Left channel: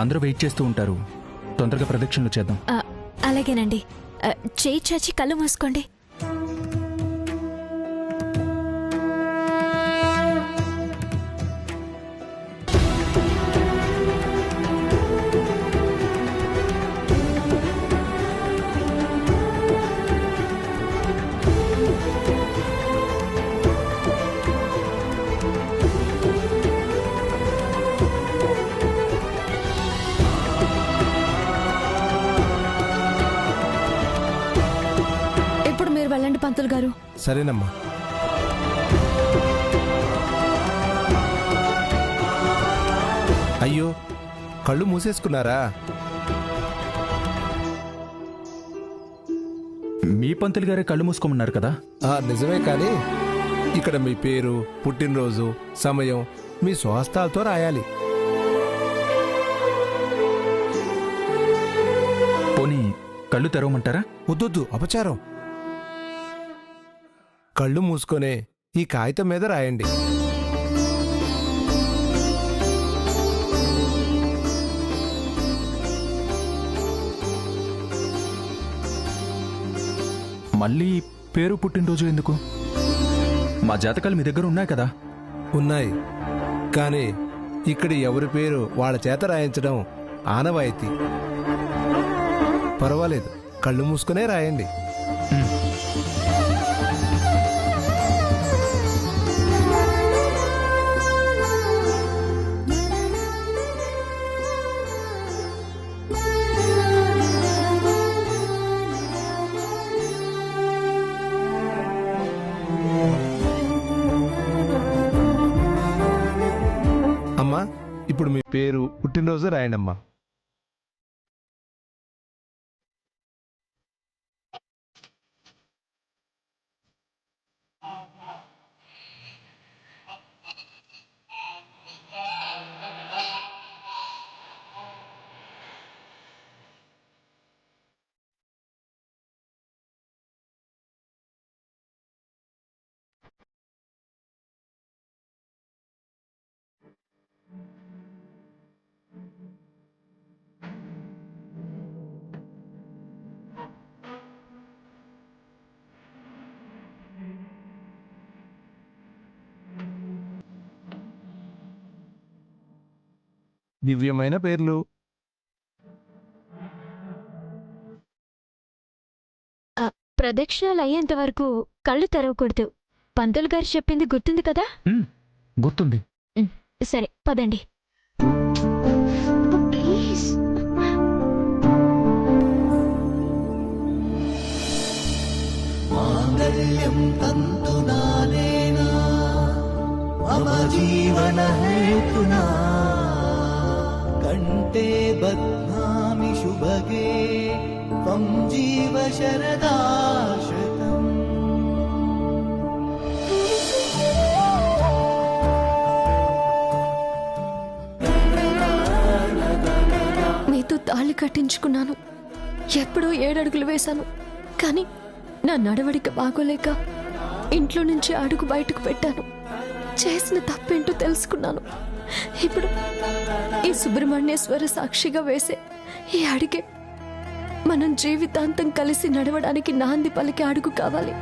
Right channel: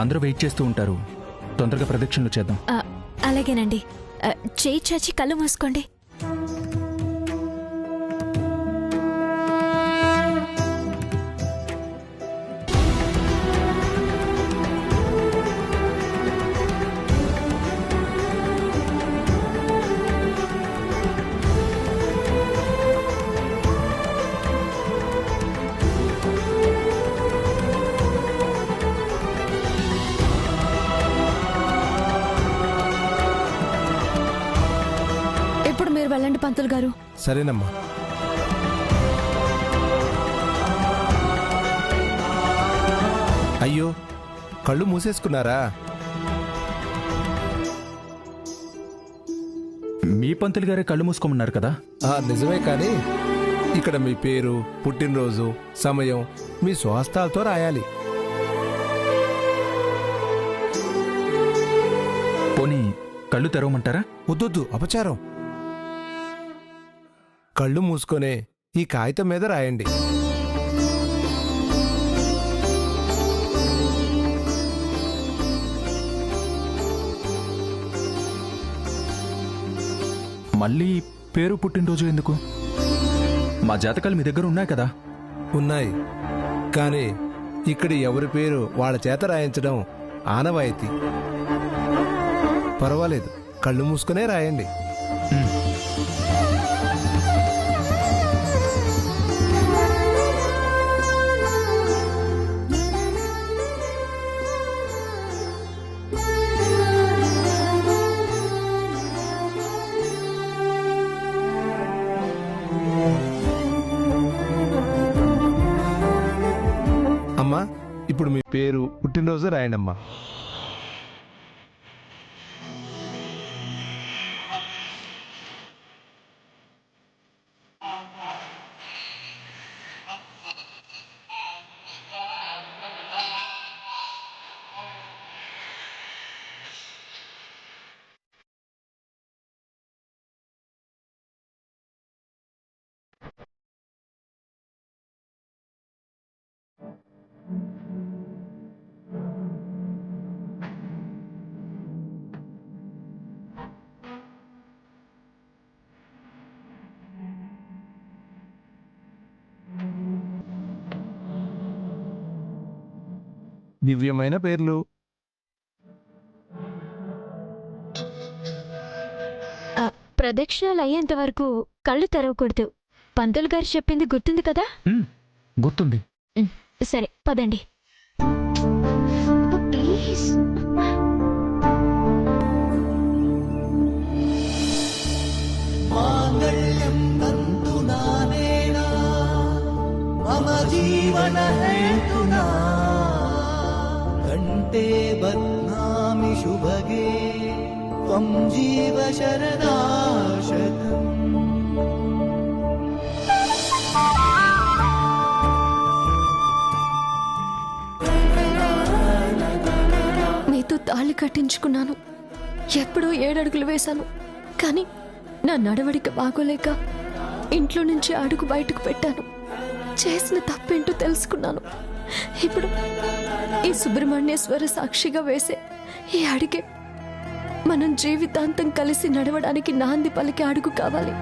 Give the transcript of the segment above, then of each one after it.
అందరూ వెయిట్ చేస్తూ ఉంటారు, తొందరగా ప్రదక్షిణలు చేద్దాం. అలాగేనండి. చేయి చాచి కళ్ళు మూసుకోండి. ఇప్పుడు మీరు వెళ్ళండి పంతులు గారు. సరేనమ్మా. అయ్యో, కళ్ళు మూసేసుకున్నారా? మీ పంతులు గారే కళ్ళు మూసుకోమన్నారు కదా. నిజమే, కానీ ఇక్కడ మీ పేరు, పుట్టినరోజు, సమయం మీ స్వహస్తాలతో రాయాలి. పోనీ కళ్ళు తెరవమంటారా? వద్దొద్దు, అపచారం. కళ్ళు మూసుకొనే ఈ కాగితం మీద రాయండి. మళ్ళీ పేరు పుట్టినరోజు ఎందుకు? మా జాతకాలు మీ దగ్గర ఉన్నాయి కదా. ఉన్నాయి, కానీ ఇక్కడ ఎవరి పేరు వాళ్ళ చేత రాయించడం ఆనవాయితీ. పర్వాలేదు, కళ్ళు మూసుకునే రాయండి. అమ్మా, ఇప్పుడు మీ పేరు, పుట్టినరోజు రాయండి అమ్మా. దివ్యమైన పేర్లు. ప్రదక్షిణలు అయ్యేంత వరకు కళ్ళు తెరవకూడదు. పంతులు గారు చెప్పింది గుర్తుంది కదా? గుర్తుంది. సరే, పదండి. ప్లీజ్. మాంగళ్యం తంతునానేనా అవజీవన హేతునా కంటే బధ్నామి శుభగే త్వం జీవ శరదాశతం. మీతో తాళి కట్టించుకున్నాను, ఎప్పుడో 7 అడుగులు వేశాను. కానీ నా నడవడిక బాగోలేక ఇంట్లో నుంచి అడుగు బయటకు పెట్టాను. చేసిన తప్పేంటో తెలుసుకున్నాను. ఇప్పుడు ఈ సుబ్రహ్మణ్యేశ్వర సాక్షిగా వేసే ఈ అడిగే మనం జీవితాంతం కలిసి నడవడానికి నాంది పలికి అడుగు కావాలి.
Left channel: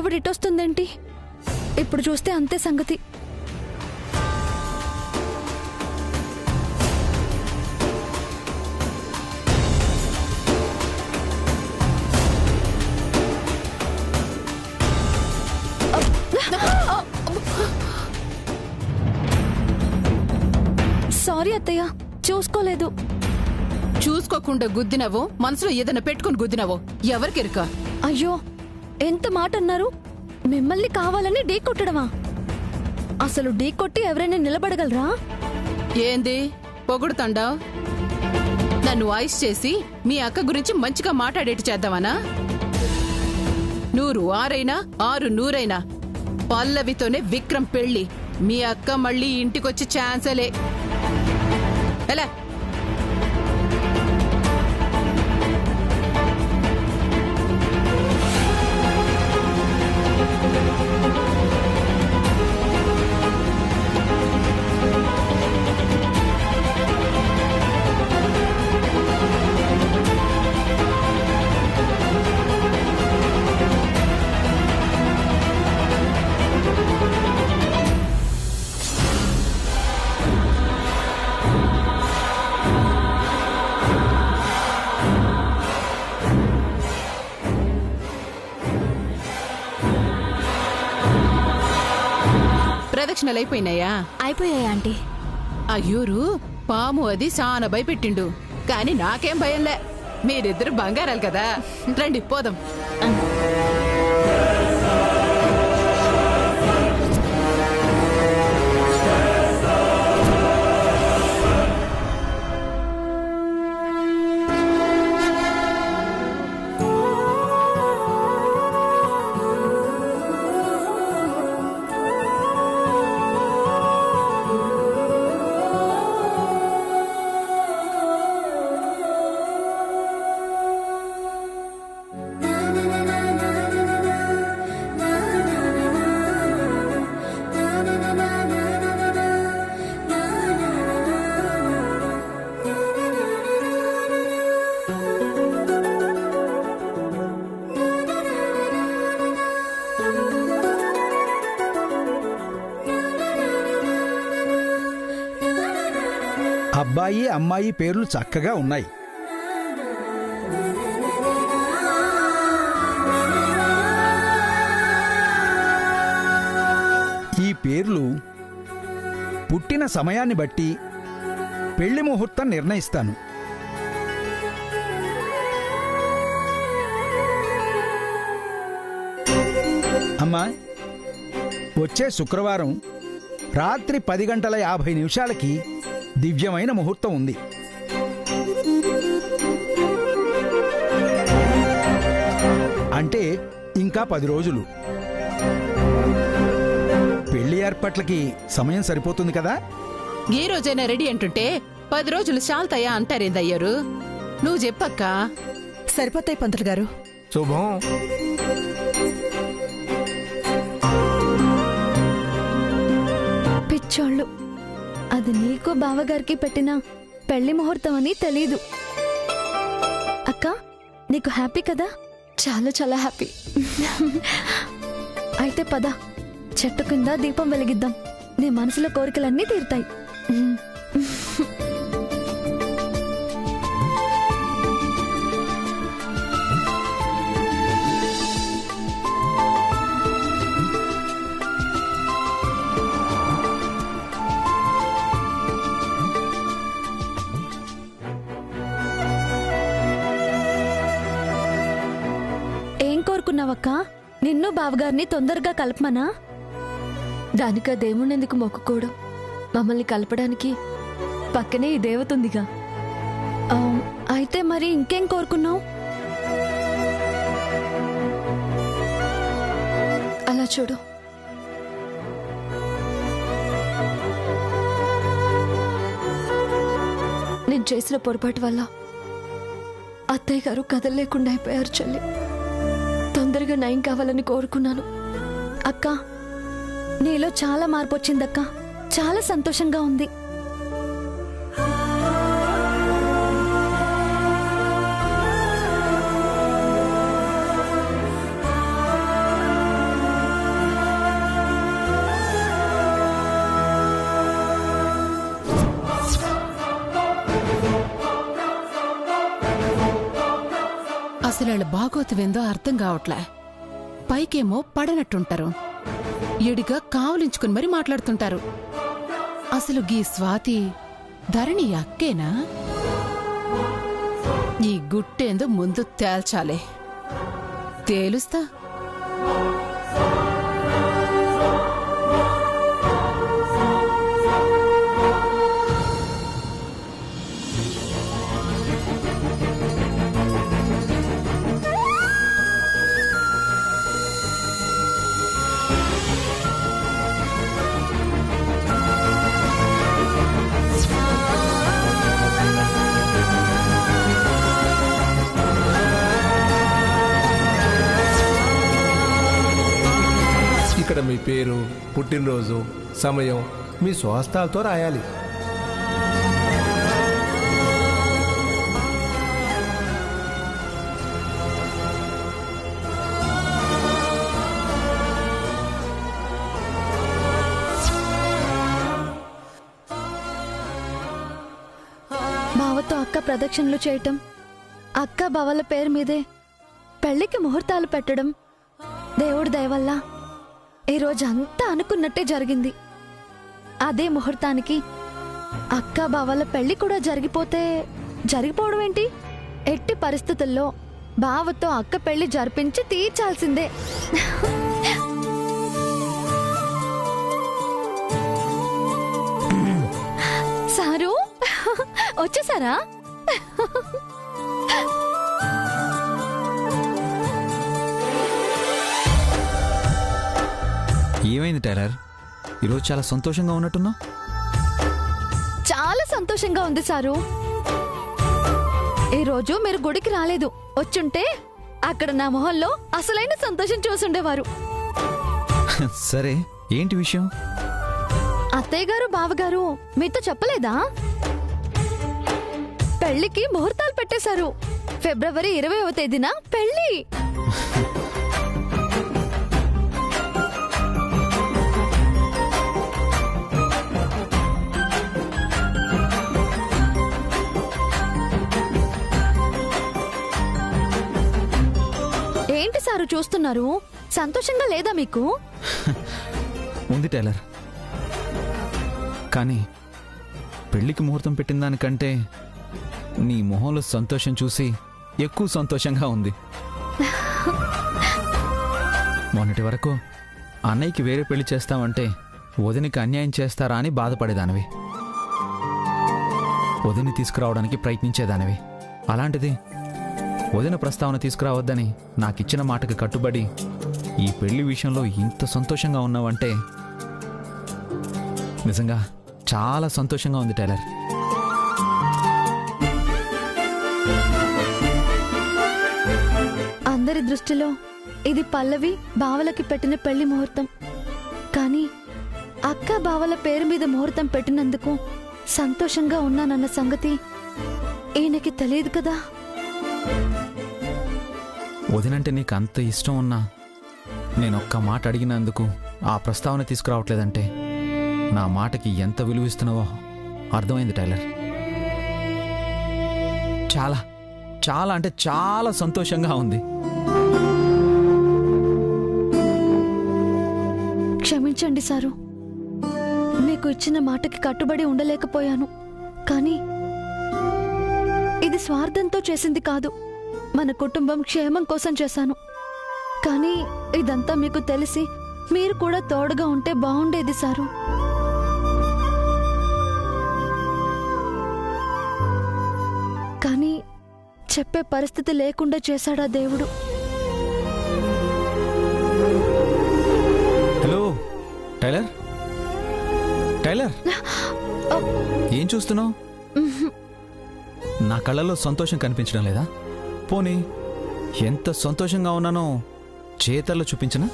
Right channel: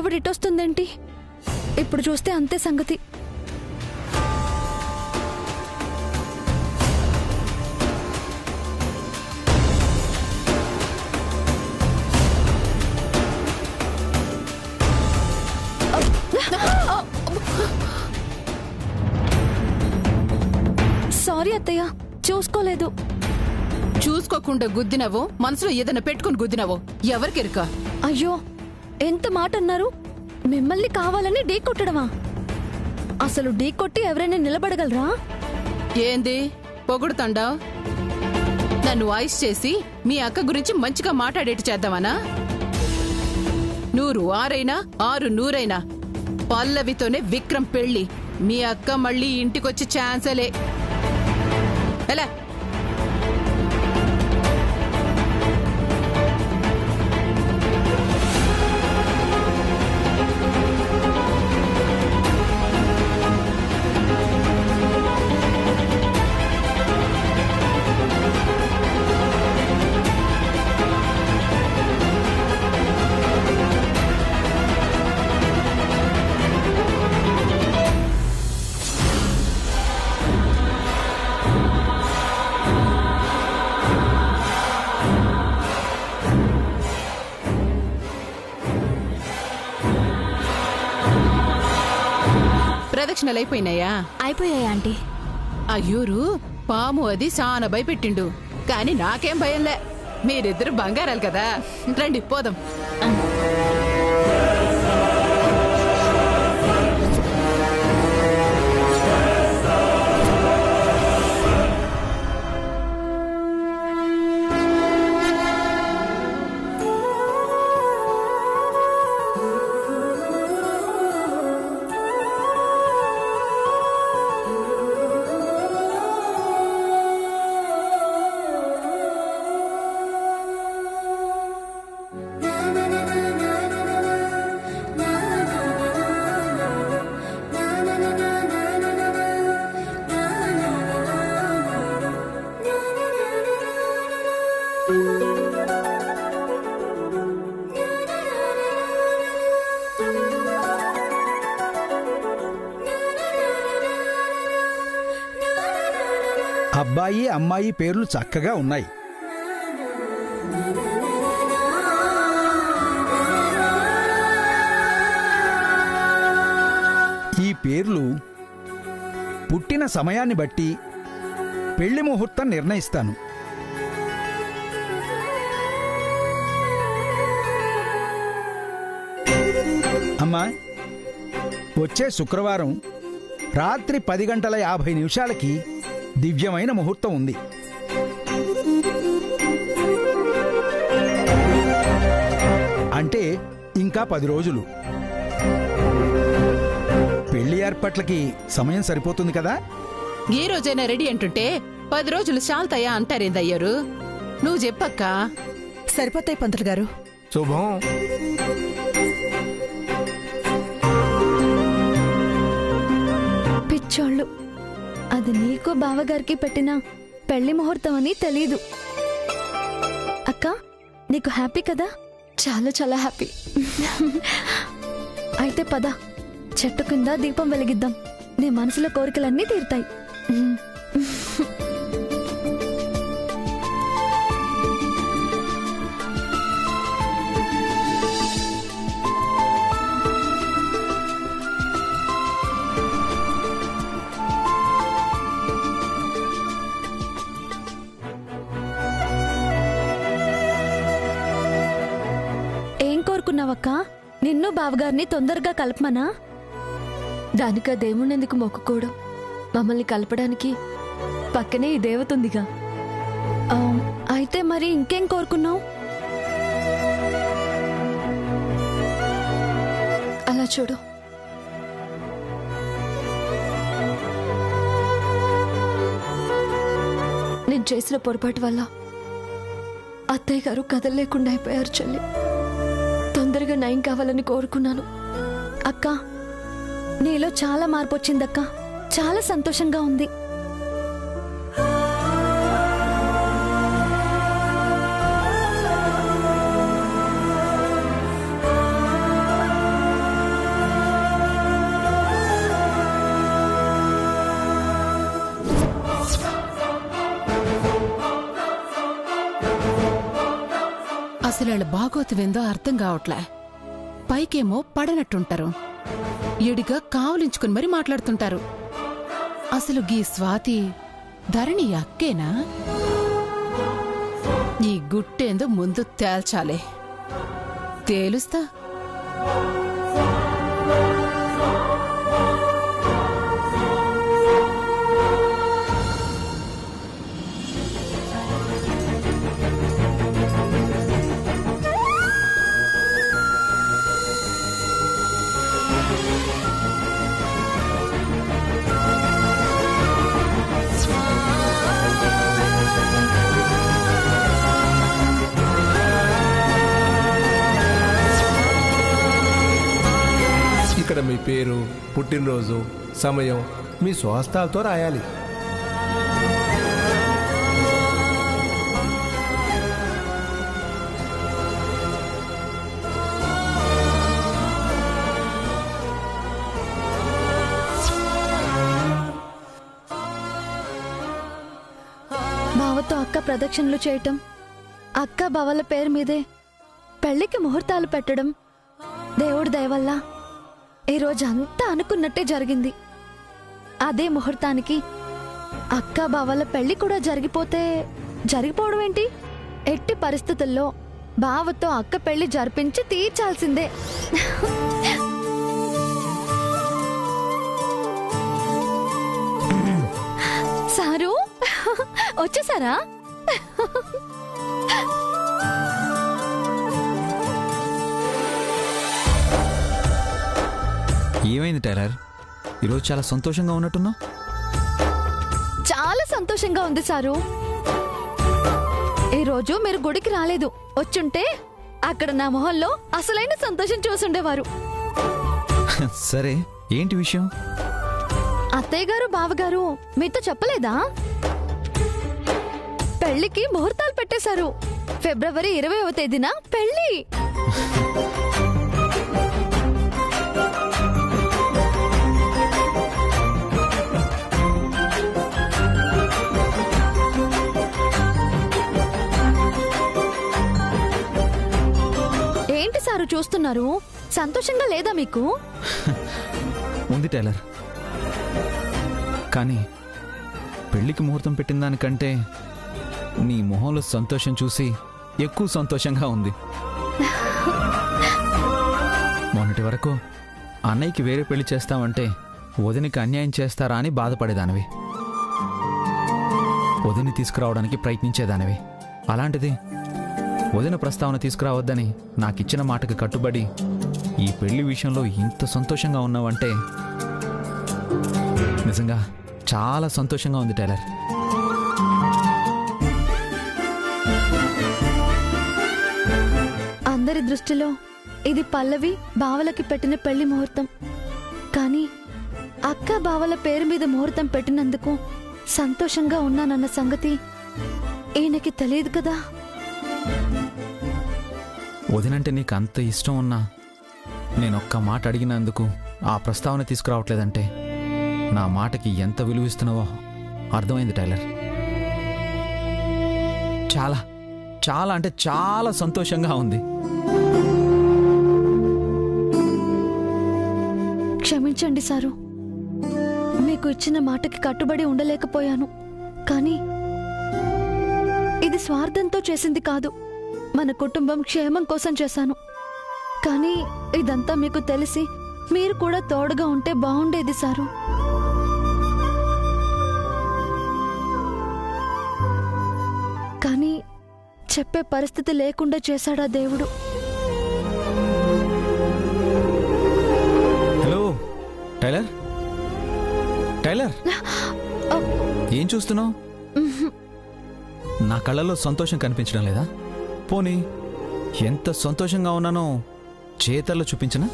ఎవడిటొస్తుందేంటి? ఇప్పుడు చూస్తే అంతే సంగతి. సారీ అత్తయ్య, చూసుకోలేదు. చూసుకోకుండా గుద్దినవో మనసులో ఏదైనా పెట్టుకుని గుద్దినవో ఎవరికెరుక? అయ్యో, ఎంత మాట అన్నారు! మిమ్మల్ని కావాలని ఢీ కొట్టడమా? అసలు ఢీ కొట్టి ఎవరైనా నిలబడగలరా? ఏంది పొగుడుతండా? నన్ను వాయిస్ చేసి మీ అక్క గురించి మంచిగా మాట్లాడేట్టు చేద్దామనా? 100 ఆరైనా 6 100 పల్లవితోనే విక్రమ్ పెళ్లి. మీ అక్క మళ్ళీ ఇంటికొచ్చి ఛాన్సలే. ఎలా? ప్రదక్షిణలైపోయినాయా? అయిపోయాయి ఆంటీ. అయ్యూరు పాము అది చాలా భయపెట్టిండు, కాని నాకేం భయంలే. మీరిద్దరు బంగారాలు కదా, రండి పోదాం. అబ్బాయి అమ్మాయి పేర్లు చక్కగా ఉన్నాయి. ఈ పేర్లు పుట్టిన సమయాన్ని బట్టి పెళ్లి ముహూర్తం నిర్ణయిస్తాను. అమ్మా, వచ్చే శుక్రవారం రాత్రి 10:50 దివ్యమైన ముహూర్తం ఉంది. అంటే ఇంకా 10 రోజులు. పెళ్లి ఏర్పాట్లకి సమయం సరిపోతుంది కదా? ఏ రోజైనా రెడీ అంటుంటే 10 రోజులు చాలుతాయా అంటారేందయ్యారు? నువ్వు చెప్పక్క. సరిపోతాయి పంతులు గారు. శుభం. పిచ్చోళ్ళు, అది నీకు బావగారికి పెట్టిన పెళ్లి ముహూర్తం అని తెలీదు. అక్క, నీకు హ్యాపీ కదా? చాలా చాలా హ్యాపీ. అయితే పద, చెట్టు కింద దీపం వెలిగిద్దాం. నీ మనసులో కోరికలన్నీ తీరుతాయి. ఏం కోరుకున్నావక్క? నిన్ను బావగారిని తొందరగా కలపమనా? దానికా దేవుణ్ణెందుకు మొక్కుకోవడం? మమ్మల్ని కలపడానికి పక్కనే ఈ దేవతుందిగా. అయితే మరి ఇంకేం కోరుకున్నావు? అలా చూడు. నేను చేసిన పొరపాటు వల్ల అత్తయ్య గారు కదలలేకుండా అయిపోయారు చెల్లి. తొందరగా నయం కావాలని కోరుకున్నాను. అక్క, నీలో చాలా మార్పు వచ్చిందక్క. చాలా సంతోషంగా ఉంది. అసలు వాళ్ళ బాగోతువేందో అర్థం కావట్లే. పైకేమో పడనట్టుంటారు, ఎడిగా కావలించుకుని మరి మాట్లాడుతుంటారు. అసలు గీ స్వాతి ధరణి అక్కేనా? ఈ గుట్టేందో ముందు తేల్చాలే. తేలుస్తా. ఇక్కడ మీ పేరు, పుట్టినరోజు, సమయం మీ స్వహస్తాలతో రాయాలి. బావతో అక్క ప్రదక్షిణలు చేయటం, అక్క బావల పేరు మీదే పెళ్లికి ముహూర్తాలు పెట్టడం దేవుడి దయ వల్ల ఈరోజు అంతా అనుకున్నట్టే జరిగింది. అదే ముహూర్తానికి అక్క బావల పెళ్లి కూడా జరిగిపోవడం ఏంటి? ఎట్టి పరిస్థితుల్లో బావతో అక్క పెళ్లి జరిపించి తీర్చాల్సిందే. సారు వచ్చేసారా? ఏమైంది టైలర్, ఈరోజు చాలా సంతోషంగా ఉన్నట్టున్నావు? చాలా సంతోషంగా ఉంది సారు. ఈరోజు మీరు గుడికి రాలేదు. వచ్చుంటే అక్కడ నా మొహంలో అసలైన సంతోషం చూసుండేవారు. సరే, ఏంటి విషయం? అత్తయ్య గారు, బావగారు మీతో చెప్పలేదా? పెళ్లికి ముహూర్తాలు పెట్టేశారు. ఫిబ్రవరి 20వ తేదీన పెళ్లి. ఏంటి సారు చూస్తున్నారు? సంతోషంగా లేదా మీకు? ఉంది టైలర్, కానీ పెళ్లికి ముహూర్తం పెట్టిన దానికంటే నీ మొహంలో సంతోషం చూసి ఎక్కువ సంతోషంగా ఉంది. మొన్నటి వరకు అన్నయ్యకి వేరే పెళ్లి చేస్తామంటే వదినికి అన్యాయం చేస్తారా అని బాధపడేదానివి, వదిని తీసుకురావడానికి ప్రయత్నించేదానివి. అలాంటిది వదిన ప్రస్తావన తీసుకురావద్దని నాకిచ్చిన మాటకు కట్టుబడి ఈ పెళ్లి విషయంలో ఇంత సంతోషంగా ఉన్నావంటే నిజంగా చాలా సంతోషంగా ఉంది టైలర్. అందరి దృష్టిలో ఇది పల్లవి బావలకి పెట్టిన పెళ్లి ముహూర్తం. కానీ అక్క బావల పేరు మీద ముహూర్తం పెట్టినందుకు సంతోషంగా ఉన్నానన్న సంగతి ఈయనకి తెలియదు కదా. వదినంటే నీకు అంత ఇష్టం ఉన్నా నేనొక్క మాట అడిగినందుకు ఆ ప్రస్తావన తీసుకురావట్లేదంటే నా మాటకి ఎంత విలువిస్తున్నావో అర్థమైంది టైలర్. చాలా చాలా అంటే చాలా సంతోషంగా ఉంది. క్షమించండి సారు, మీకు ఇచ్చిన మాటకి కట్టుబడి ఉండలేకపోయాను. కానీ ఇది స్వార్థంతో చేసింది కాదు, మన కుటుంబం క్షేమం కోసం చేశాను. కానీ ఇదంతా మీకు తెలిసి మీరు కూడా తోడుగా ఉంటే బాగుండేది సారు. కానీ చెప్పే పరిస్థితి లేకుండా చేశాడా దేవుడు. హలో టైలర్, టైలర్ ఏం చూస్తున్నావు? నా కళ్ళల్లో సంతోషం కనిపించడం లేదా? పోనీ ఎంత సంతోషంగా ఉన్నానో చేతల్లో చూపించనా?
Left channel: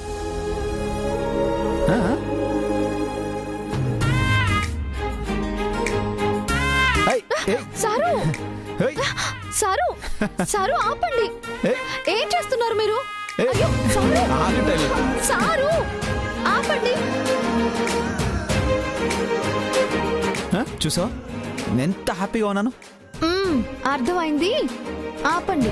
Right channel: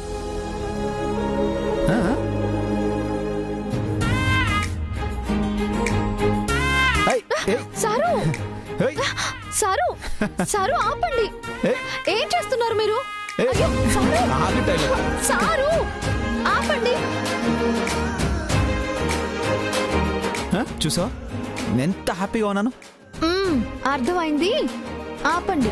సారు సారు సారు ఆపండి. ఏం చేస్తున్నారు మీరు? అయ్యో, సారు సారు ఆపండి. చూసావా ఎంత హ్యాపీగా ఉన్నాను? అర్థమైంది, ఆపండి.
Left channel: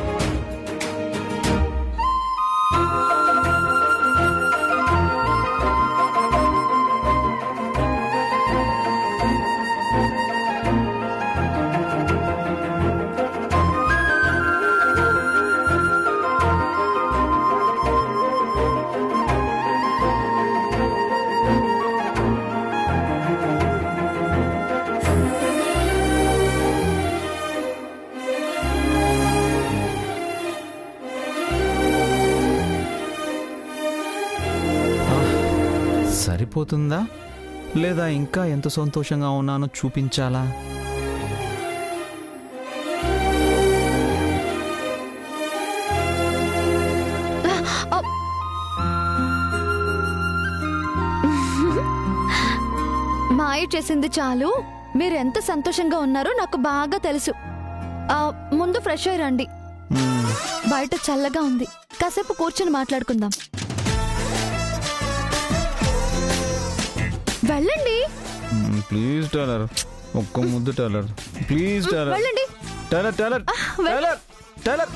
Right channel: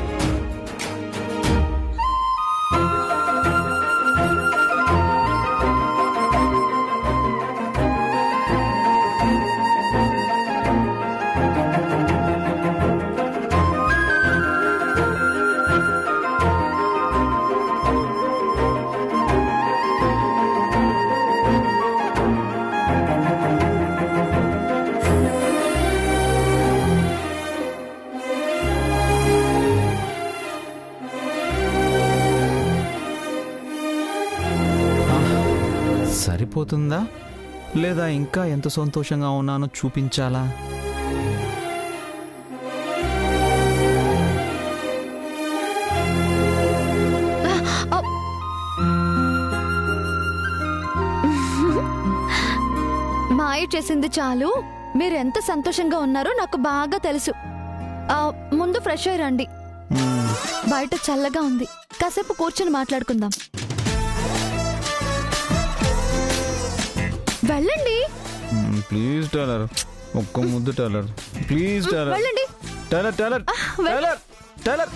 సరిపోతుందా లేదా ఇంకా ఎంత సంతోషంగా ఉన్నానో చూపించాలా? మాయ చేసింది చాలు. మీరు ఎంత సంతోషంగా ఉన్నారో నాకు బాగా తెలుసు. ముందు ఫ్రెష్ అయ్యి రండి. బయట చల్లగా ఉంది, కాసేపు కూర్చొని మాట్లాడుకుందాం. వెళ్ళండి. ప్లీజ్ టైలర్, ఒక్క ముద్దు టైలర్, ప్లీజ్ టైలర్. వెళ్ళండి. Tailor tailor tailor tailor.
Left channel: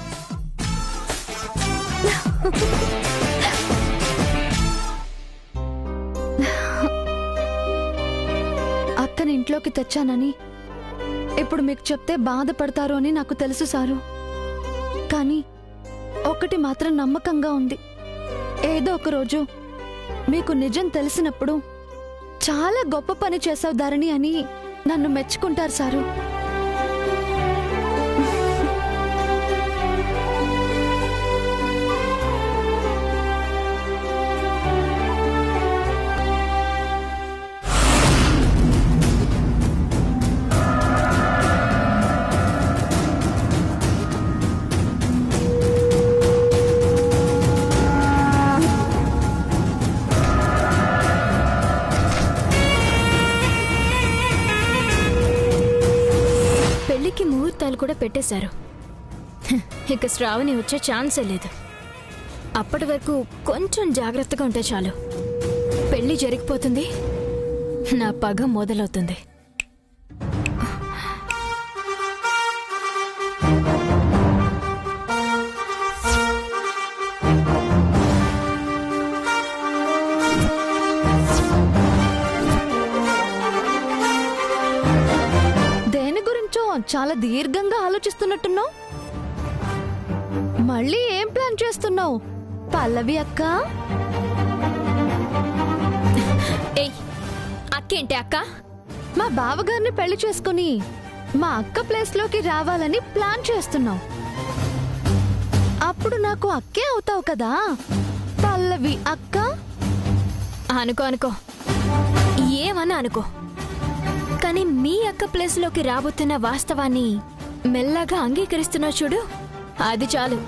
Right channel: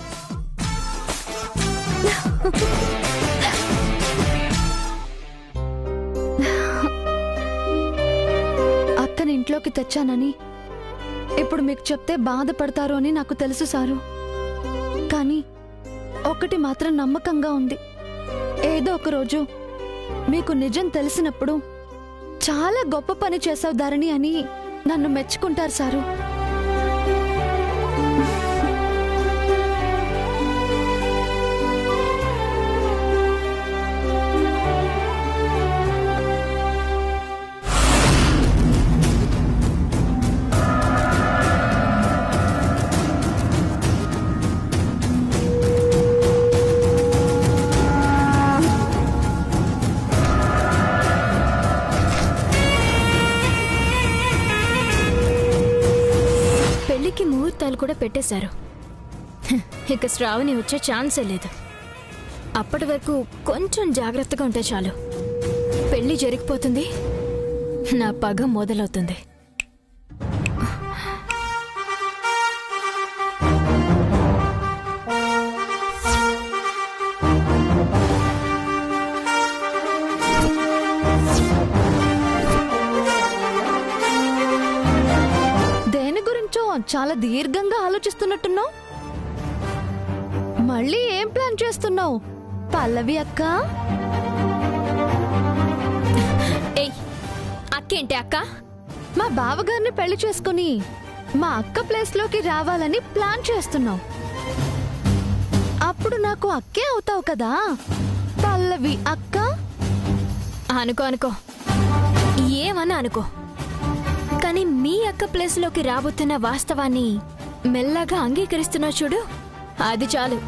అక్కని ఇంట్లోకి తెచ్చానని ఇప్పుడు మీకు చెప్తే బాధపడతారు అని నాకు తెలుసు సారు. కానీ ఒకటి మాత్రం నమ్మకంగా ఉంది. ఏదో ఒక రోజు మీకు నిజం తెలిసినప్పుడు చాలా గొప్ప పని చేసావు ధరణి అని నన్ను మెచ్చుకుంటారు సారు. పెళ్లికి ముహూర్తాలు కూడా పెట్టేశారు. ఇక శ్రావణి వచ్చే ఛాన్సే లేదు. అప్పటి వరకు కొంచెం జాగ్రత్తగా ఉంటే చాలు. పెళ్లి జరిగిపోతుంది, నా పగ మొదలవుతుంది. చాలా దీర్ఘంగా ఆలోచిస్తున్నట్టున్నావు. మళ్ళీ ఏం ప్లాన్ చేస్తున్నావు పల్లవి అక్క? ఏయ్, అక్కేంటి అక్క? మా బావగారిని పెళ్లి చేసుకుని మా అక్క ప్లేస్ లోకి రావాలని ప్లాన్ చేస్తున్నావు. అప్పుడు నాకు అక్కే అవుతావు కదా పల్లవి అక్క. అనుకో అనుకో, ఏమన్నా అనుకో, కానీ మీ అక్క ప్లేస్ లోకి రాబోతున్న వాస్తవాన్ని మెల్లగా అంగీకరిస్తున్నా చూడు, అది చాలు.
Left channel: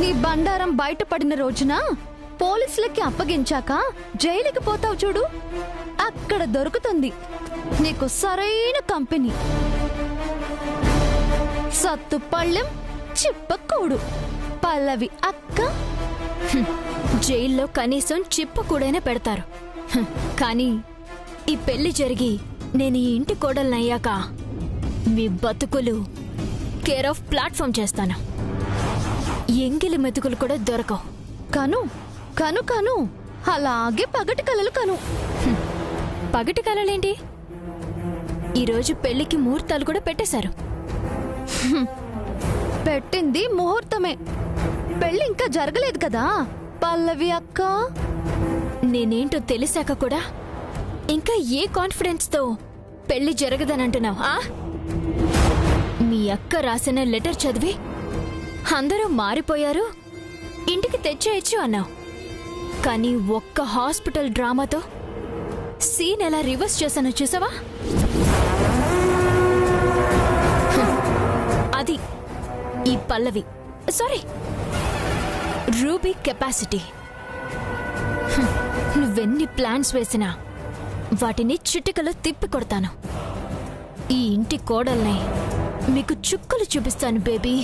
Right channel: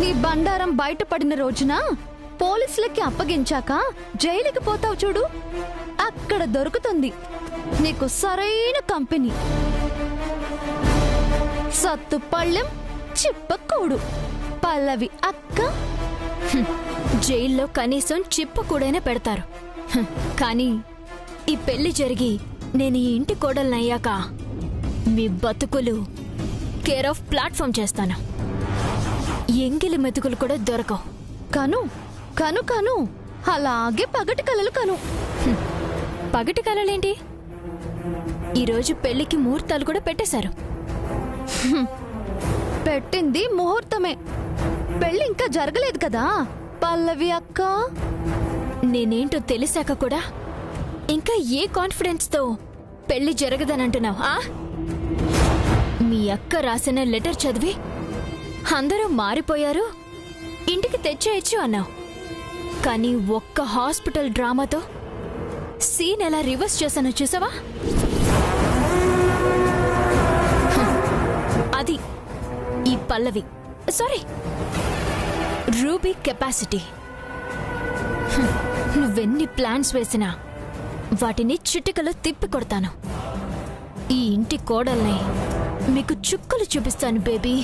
నీ బండారం బయటపడిన రోజున పోలీసులకి అప్పగించాక జైలుకి పోతావు చూడు, అక్కడ దొరుకుతుంది నీకు సరైన కంపెనీ. సత్తుపళ్ళెం చిప్పకూడు పల్లవి అక్క. జైల్లో కనీసం చిప్పకూడైనా పెడతారు. కానీ ఈ పెళ్లి జరిగి నేను ఈ ఇంటి కోడలనయ్యాక మీ బతుకులు కేర్ ఆఫ్ ప్లాట్ఫామ్ చేస్తాను. ఎంగిలి మెతుకులు కూడా దొరకవు. కను కను కను అలాగే పగటి కలలు కను. పగటి కలలేంటి? ఈరోజు పెళ్లికి ముహూర్తాలు కూడా పెట్టేశారు. పెట్టింది ముహూర్తమే, పెళ్లి ఇంకా జరగలేదు కదా పల్లవి అక్క. నేనేంటో తెలిసాక కూడా ఇంకా ఏ కాన్ఫిడెన్స్ తో పెళ్లి జరగదనంటున్నావు? మీ అక్క రాసిన లెటర్ చదివి అందరూ మారిపోయారు, ఇంటికి తెచ్చేయచ్చు అన్నావు. కానీ ఒక్క హాస్పిటల్ డ్రామాతో సీన్ ఎలా రివర్స్ చేశానో చూసావా? అది ఈ పల్లవి, సారీ రూబీ కెపాసిటీ. నువ్వెన్ని ప్లాన్స్ వేసినా వాటిని చిటికలో తిప్పి కొడతాను. ఈ ఇంటి కోడల్ని మీకు చుక్కలు చూపిస్తాను బేబీ.